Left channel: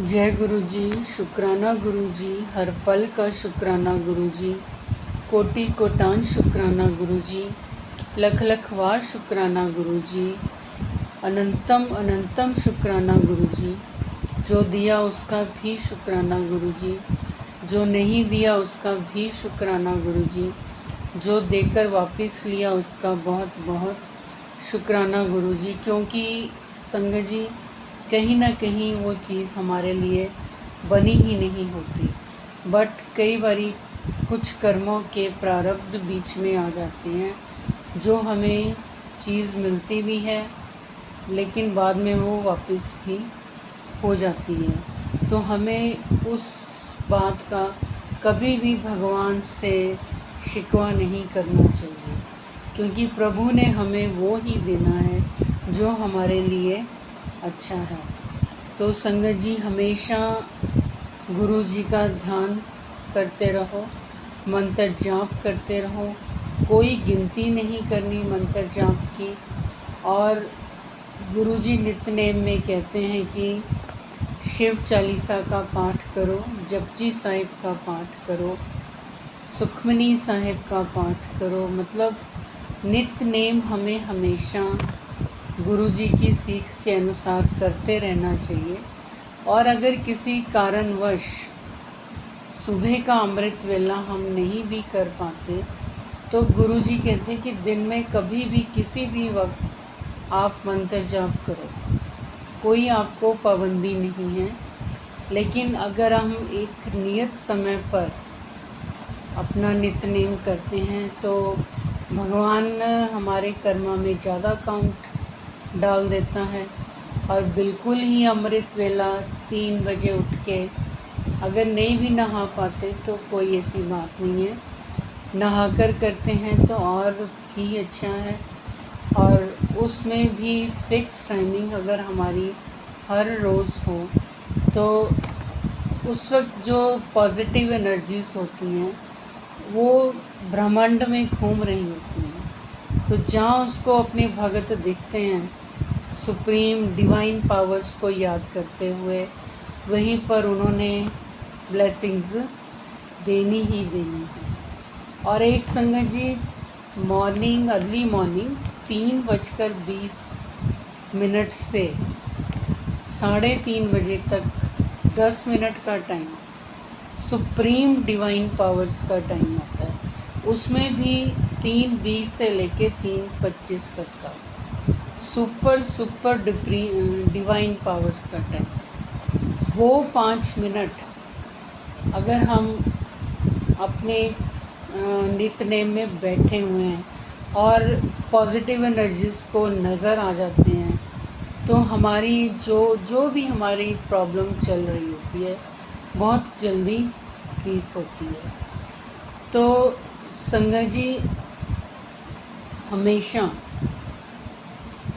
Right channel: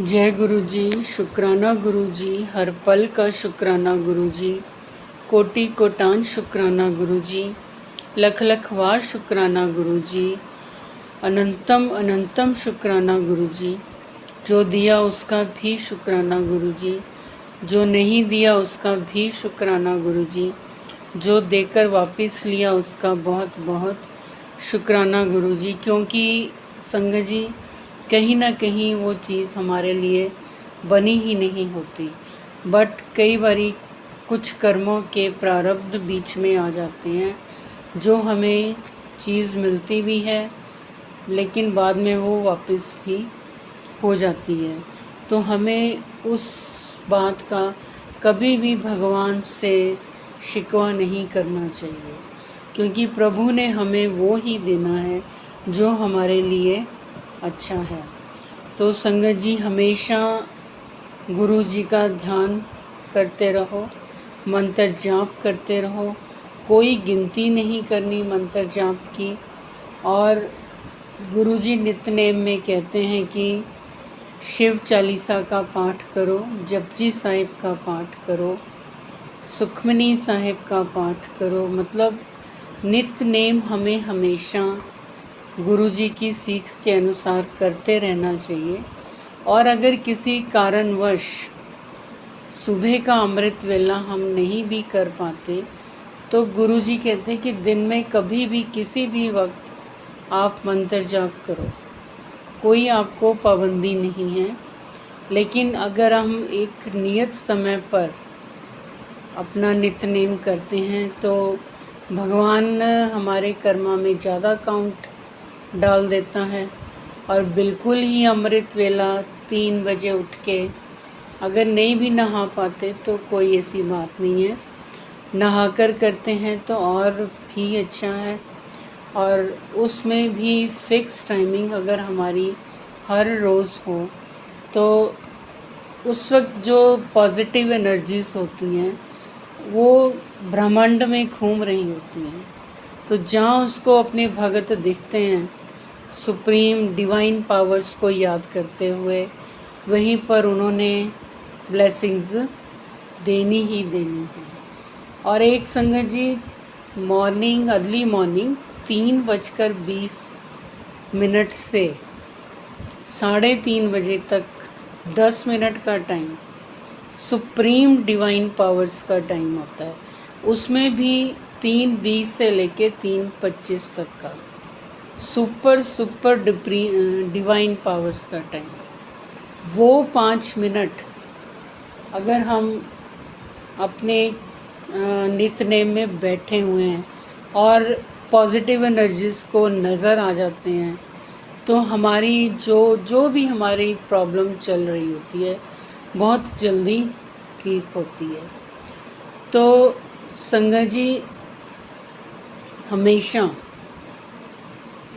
जय गुरु जी। शुक्राना गुरु जी, हर पल का शुक्राना गुरु जी, कोटि कोटान शुक्राना गुरु जी, लख लख वार शुक्राना गुरु जी, अनंतम अनंतम शुक्राना गुरु जी। जो दिया उसका भी शुक्राना गुरु जी, जो नहीं दिया उसका भी शुक्राना गुरु जी, जो देकर वापस लिया उसका बहुत बहुत शुक्राना गुरु जी। क्योंकि संगत जी कहीं ना कहीं वो चीज़ हमारे लिए बनी ही नहीं होती, बट कई बारी कुछ कर्मों के प्रारब्ध बीच में आ जाते हैं जो हमें चीज़ मिलती भी है लेकिन बाद में वो वापस भी हो जाती है। तो हमें उस बात का कभी भी भगवान से शिकवा नहीं करना चाहिए, क्योंकि प्रभु ने हमें वो ही देना है जो हमारे लिए अच्छा है। तो संगत जी हमेशा गुरु जी का ध्यान करते रहो, मंत्र जाप करते रहो, कोई गिनती नहीं करनी मंत्र जाप की। और गुरु जी नित्यनेम में कहते हैं कि शिव चालीसा का पाठ करो, जपजी साहिब का पाठ करो, सुखमनी साहिब का पाठ करो। मतलब नित्यनेम हमें हमेशा गुरु जी की सीख के अनुसार करते रहना चाहिए। और अगर किसी कारणवश सुबह का अमृत वेला हम नहीं भी कर पाते तो गुरु जी कहते हैं कि दिन में कभी भी किसी भी वक्त आप मंत्र जाप करो, कोई आपको पाबंदी नहीं है। लेकिन अगर हम एक नियत समय पर अपना नित्यनेम करते हैं तो भगवान हमारे कर्मा में ज़्यादा काउंट डाल देता है। और बिल्कुल ही अमृत वेला 3 बजे उठ के अगर नहीं भी नहा पाते तो कोई ऐसी बात नहीं है, नहाकर करते हैं तो और भी अच्छा है। और उसमें भी फिक्स टाइमिंग अगर हमारी हर रोज़ हो तो उस वक्त जो पॉजिटिव एनर्जीज होती हैं वो ब्रह्मांड में घूम रही होती हैं। तो जहाँ उसको अपने भगत दिखते हैं सुप्रीम डिवाइन पावर्स को याद करते हुए, वहीं पर उन्होंने ब्लेसिंग्स देनी ही देनी है। और एक संगत जी मॉर्निंग अर्ली मॉर्निंग 3:20 से 3:30 बजे तक 10 मिनट का टाइम सुप्रीम डिवाइन पावर्स का टाइम होता है। उसमें भी 3:20 से लेके 3:25 तक का सुपर डिवाइन पावर्स का टाइम। वो 5 मिनट अगर हम अपने नित्यनेम में बैठे हुए हैं और पॉजिटिव एनर्जीज को नज़र आ जाते हैं तो हमारी जो भी हमारी प्रॉब्लम चल रही होती है बहुत जल्दी ठीक होती है। तो संगत जी हमेशा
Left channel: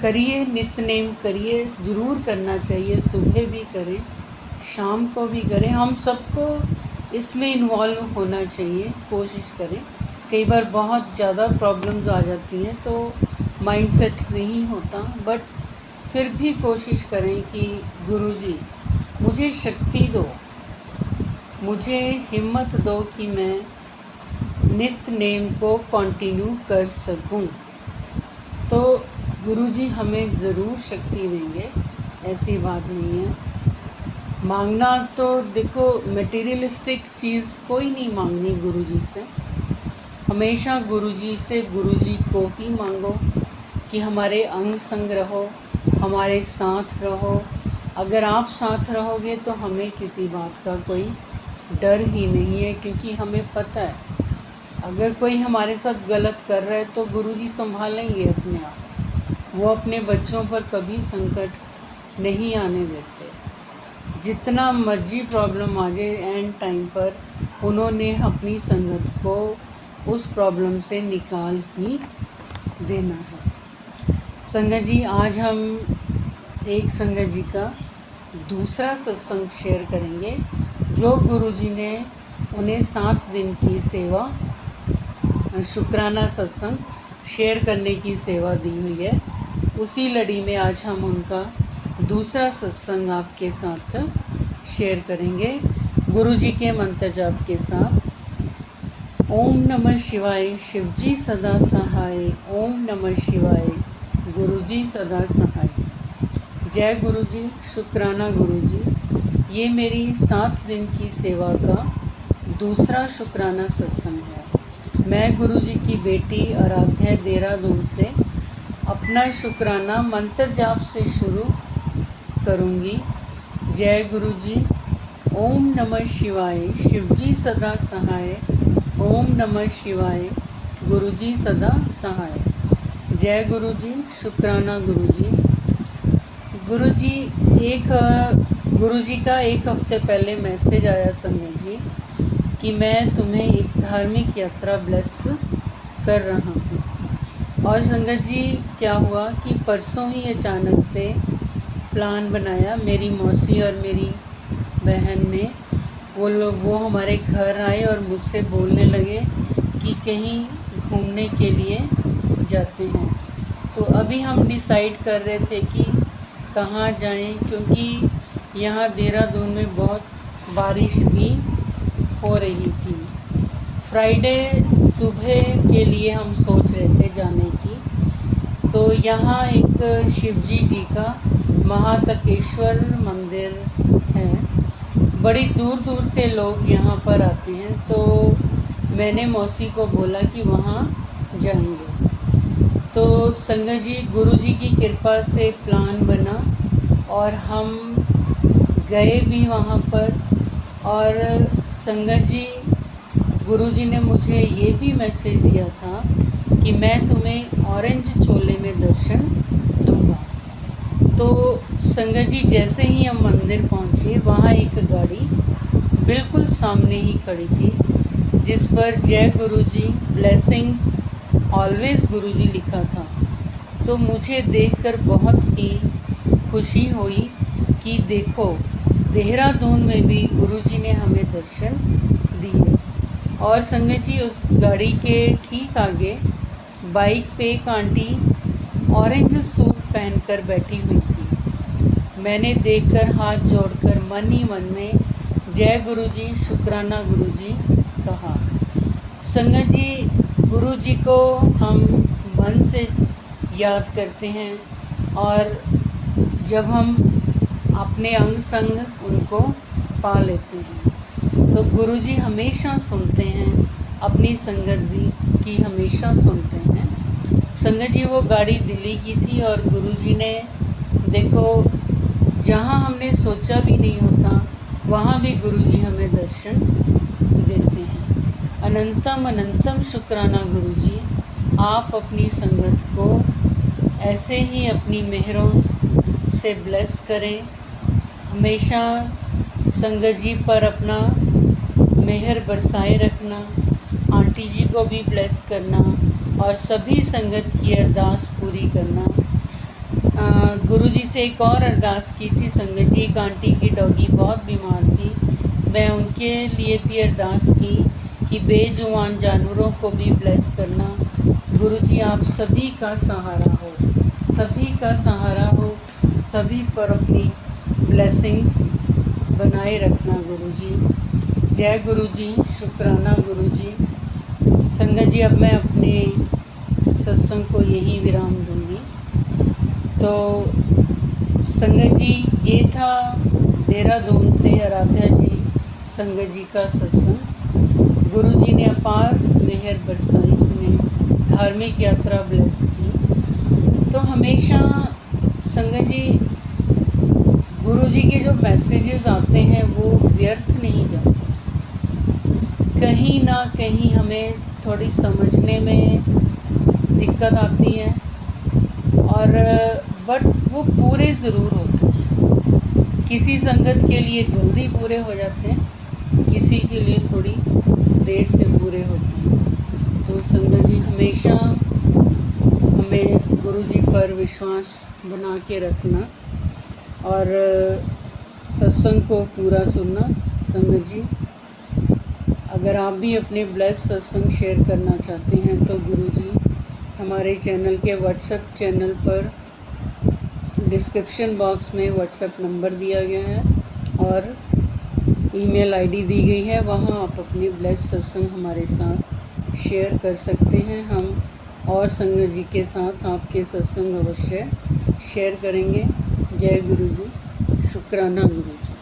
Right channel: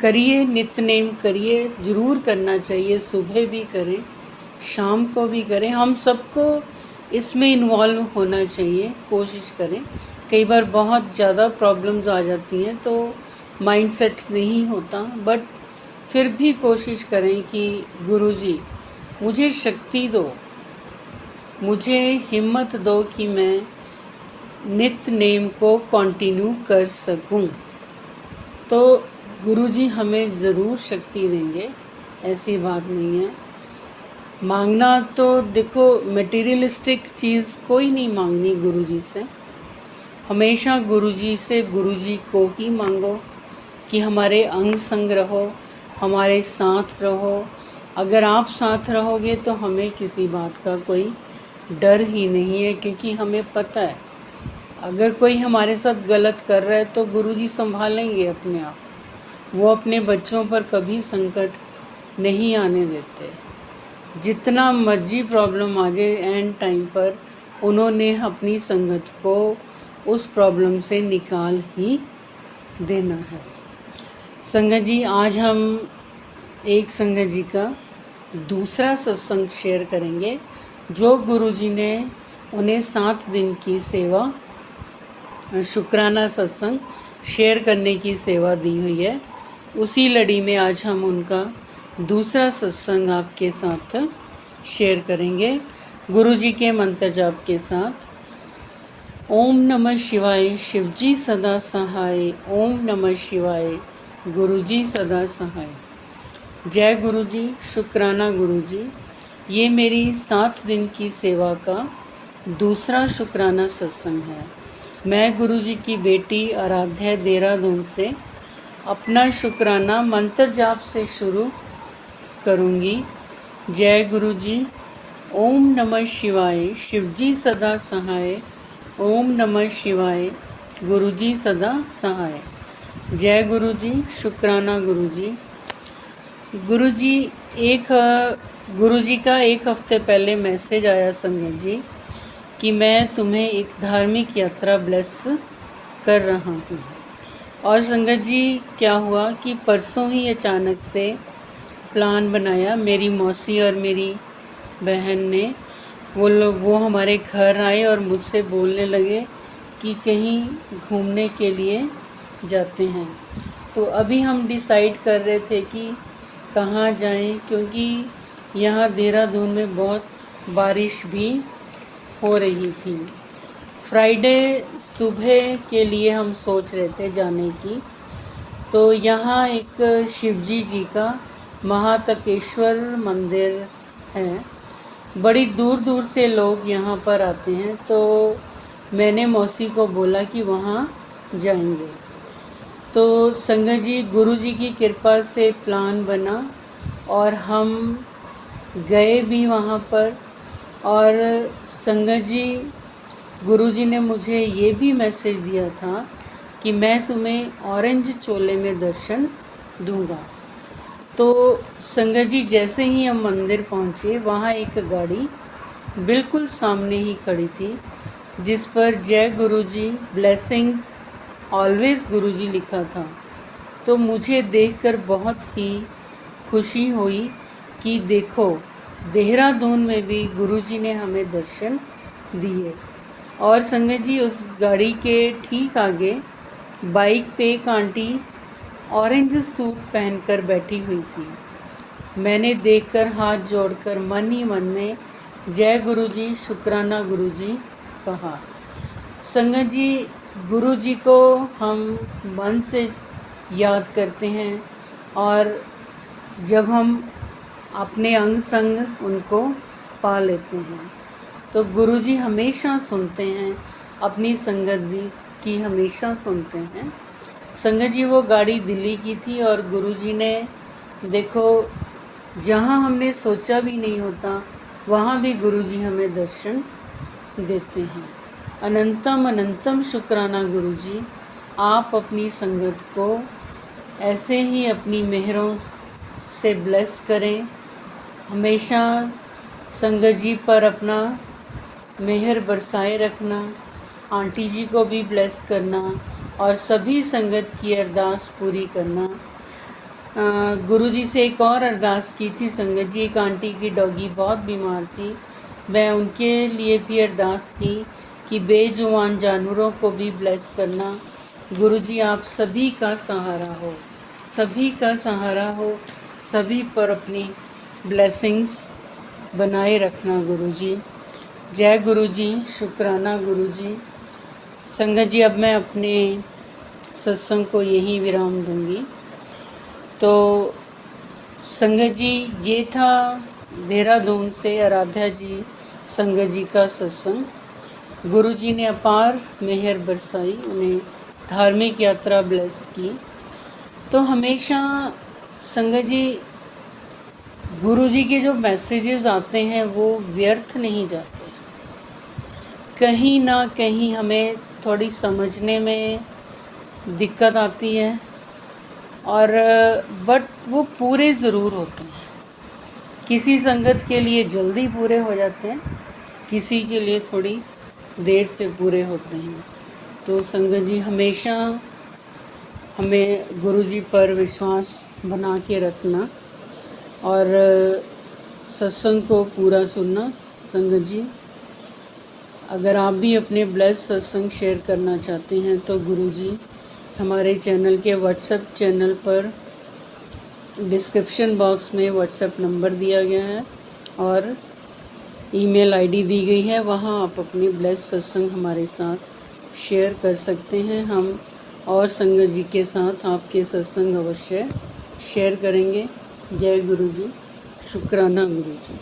करिए, नित्यनेम करिए, ज़रूर करना चाहिए। सुबह भी करें, शाम को भी करें, हम सबको इसमें इन्वॉल्व होना चाहिए, कोशिश करें। कई बार बहुत ज़्यादा प्रॉब्लम्स आ जाती हैं तो माइंडसेट नहीं होता, बट फिर भी कोशिश करें कि गुरुजी मुझे शक्ति दो, मुझे हिम्मत दो कि मैं नित्यनेम को कंटिन्यू कर सकूं। तो गुरुजी हमें ज़रूर शक्ति देंगे, ऐसी बात नहीं है। मांगना तो देखो मटेरियलिस्टिक चीज़ कोई नहीं मांगनी गुरुजी से, हमेशा गुरुजी से गुरुजी को ही मांगो कि हमारे अंग संग रहो, हमारे साथ रहो। अगर आप साथ रहोगे तो हमें किसी बात का कोई डर ही नहीं है, क्योंकि हमें पता है अगर कोई हमारे साथ गलत कर रहा है तो गुरुजी संभालेंगे अपने आप। वो अपने बच्चों पर कभी संकट नहीं आने देते। जितना मर्जी प्रॉब्लम आ जाए एंड टाइम पर उन्होंने अपनी संगत को उस प्रॉब्लम से निकाल ही देना है। संगत जी आज हम एक संगत जी का दूसरा सत्संग शेयर करेंगे जो गुरुजी ने उन्हें 7 दिन की सेवा शुक्राना सत्संग शेयर करने की सेवा दी हुई है। उसी लड़ी में आज हम उनका दूसरा सत्संग आपके साथ शेयर करेंगे गुरु जी के मंत्र जाप के साथ। ओम नमः शिवाय, शिवजी सदा सहाय। ओम नमः शिवाय, गुरुजी सदा सहाय। जय गुरु जी, शुक्राना गुरु जी। ये मेरी 7 दिन की सेवा का दूसरा शुक्राना सत्संग है। मैं गुरु जी की बेटी आराध्या देहरादून से अपना शुक्राना मंत्र जाप से शुरू करूँगी। जय गुरु जी। ओम नमः शिवाय, शिवजी सदा सहाय। ओम नमः शिवाय, गुरुजी सदा सहाय। जय गुरु जी, शुक्राना गुरु जी। गुरु जी का एक हफ्ते पहले मैसेज आया संगत जी कि मैं तुम्हें एक धार्मिक यात्रा ब्लेस कर रहा हूँ। और संगत जी क्या हुआ कि परसों ही अचानक से प्लान बनाया, मेरी मौसी और मेरी बहन ने, वो हमारे घर आए और मुझसे बोलने लगे कि कहीं घूमने के लिए जाते हैं। तो अभी हम डिसाइड कर रहे थे कि कहाँ जाएं, क्योंकि यहाँ देहरादून में बहुत बारिश भी हो रही थी। फ्राइडे सुबह के लिए हम सोच रहे थे जाने की। तो यहाँ एक शिवजी जी का महातकेश्वर मंदिर है, बड़ी दूर दूर से लोग यहाँ पर आते हैं। तो मैंने मौसी को बोला कि वहाँ जाएंगे। तो संगत जी, गुरु जी की कृपा से प्लान बना और हम गए भी वहाँ पर। और संगत जी, गुरु जी ने मुझे ये भी मैसेज दिया था कि मैं तुम्हें ऑरेंज चोले में दर्शन दूंगा। तो संगत जी, जैसे ही हम मंदिर पहुँचे, वहाँ एक गाड़ी बिल्कुल सामने ही खड़ी थी जिस पर जय गुरु जी, ब्लेसिंग्स ऑलवेज गुरु जी लिखा था। तो मुझे देखकर बहुत ही खुशी हुई कि देखो, देहरादून में भी गुरु जी ने हमें दर्शन दिए। और संगत जी, उस गाड़ी के ठीक आगे बाइक पे एक आंटी ऑरेंज सूट पहनकर बैठी हुई थी। मैंने देखकर हाथ जोड़कर मन ही मन में जय गुरु जी, शुक्राना गुरु जी कहा। संगत जी, गुरु जी को हम मन से याद करते हैं और जब हम अपने अंग संग उनको पा लेते हैं तो गुरु जी हमेशा सुनते हैं, अपनी संगत की हमेशा सुनते हैं। संगत जी, वो गाड़ी दिल्ली की थी और गुरु जी ने देखो, जहाँ हमने सोचा भी नहीं होता वहाँ भी गुरु जी हमें दर्शन देते हैं। अनंतम अनंतम शुक्राना गुरु जी। आप अपनी संगत को ऐसे ही अपनी मेहरों से ब्लेस करें। हमेशा संगत जी पर अपना मेहर बरसाए रखना, आंटी जी को भी ब्लेस करना और सभी संगत की अरदास पूरी करना। गुरु जी से एक और अरदास की थी संगत जी। एक आंटी की डॉगी बहुत बीमार थी, मैं उनके लिए भी अरदास की कि बेजुबान जानवरों को भी ब्लेस करना। गुरु जी, आप सभी का सहारा हो, सभी का सहारा हो, सभी पर अपनी ब्लेसिंग्स बनाए रखना गुरु जी। जय गुरु जी, शुक्राना गुरु जी। संगत जी, अब मैं अपने सत्संग को यहीं विराम दूंगी। तो संगत जी, ये था देहरादून से आराध्या जी संगत जी का सत्संग। गुरु जी ने अपार मेहर बरसाई, उन्हें धार्मिक यात्रा ब्लेस की। तो हमेशा संगत जी, गुरु जी के जो मैसेजेस आते हैं वो व्यर्थ नहीं जाते। कहीं ना कहीं हमें थोड़ी समझने में दिक्कत आती है और बट वो पूरे ज़रूर होते हैं। किसी संगत के लिए जल्दी पूरे हो जाते हैं, किसी के लिए थोड़ी देर से पूरे होते हैं। तो संगत जी, हमेशा हमें गुरु जी पर विश्वास बना के रखना और सत्संग को पूरा सुनना। संगत जी, अगर आप भी अपने ब्लेस सत्संग शेयर करना चाहते हैं तो गुरु जी हमारे चैनल के व्हाट्सएप चैनल पर डिस्क्रिप्शन बॉक्स में व्हाट्सएप नंबर दिया गया है और ईमेल आईडी दी गई है, वहाँ आप अपने ब्लेस सत्संग हमारे साथ शेयर कर सकते हैं। हम और संगत जी के साथ आपके सत्संग अवश्य शेयर करेंगे। जय गुरु जी, शुक्राना गुरु जी।